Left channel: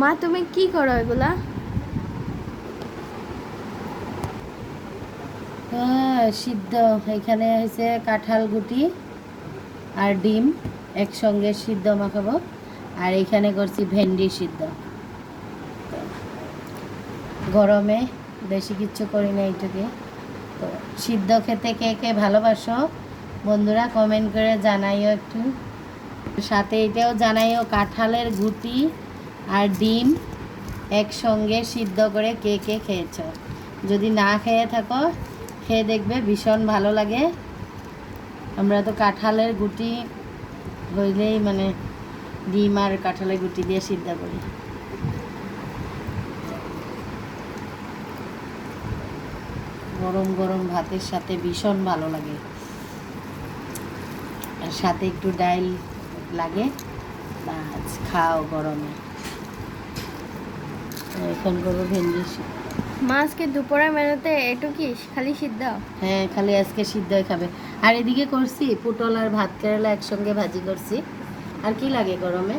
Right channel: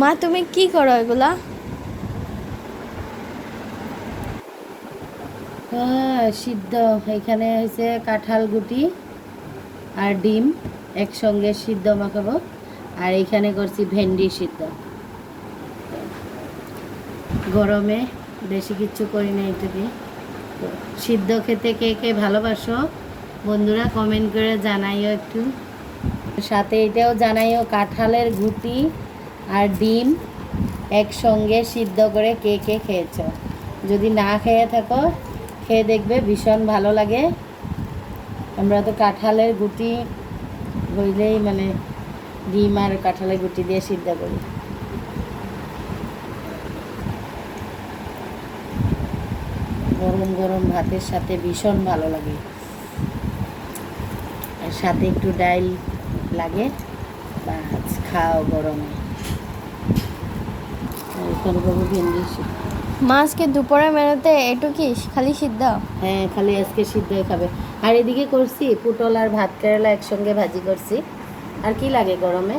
মা তুমি কি করো এগুলা? হ্যাঁ, সিদ্ধ। এখানে হয়েছে কাঁঠাল গুটি আর ডিম একসঙ্গে সিদ্ধ মাখাবো। আর এখানে করছি ভেন্ডি সিদ্ধ। গরমে বেশি কিচ্ছু করি না এইটুকু। সিদ্ধ খেতে কে কে ভালোবাসো বন্ধুরা কমেন্ট করে জানাইও একটু। সাথে এটাও জানাইও কাঁঠালের গুটি আর ডিম একসঙ্গে সিদ্ধ করে কে কে খেয়েছো। যদি না খেয়ে থাকো খেয়ে দেখবে, ভীষণ ভালো লাগে। আমরা তো কাঁঠালের গুটি হইলেই মানে ডিম আর কাঁঠালের গুটি দিয়ে সিদ্ধ করি। গরম গরম ভাতের সাথে ভীষণ ভালো লাগে, আর সাথে একটু ডাল লাগে। বাস খাও গরমে। এখন করবো ভেন্ডি সিদ্ধ। মা আজকে দুপুরের মেনুতে এটুকি খালি সিদ্ধ? হ্যাঁ, খালি আজকে সিদ্ধই খাবে। আর এদিকে করছি পটল আর ভাত কেরালা একসঙ্গে ভাজি করছি। আর কি লাগে গরমে।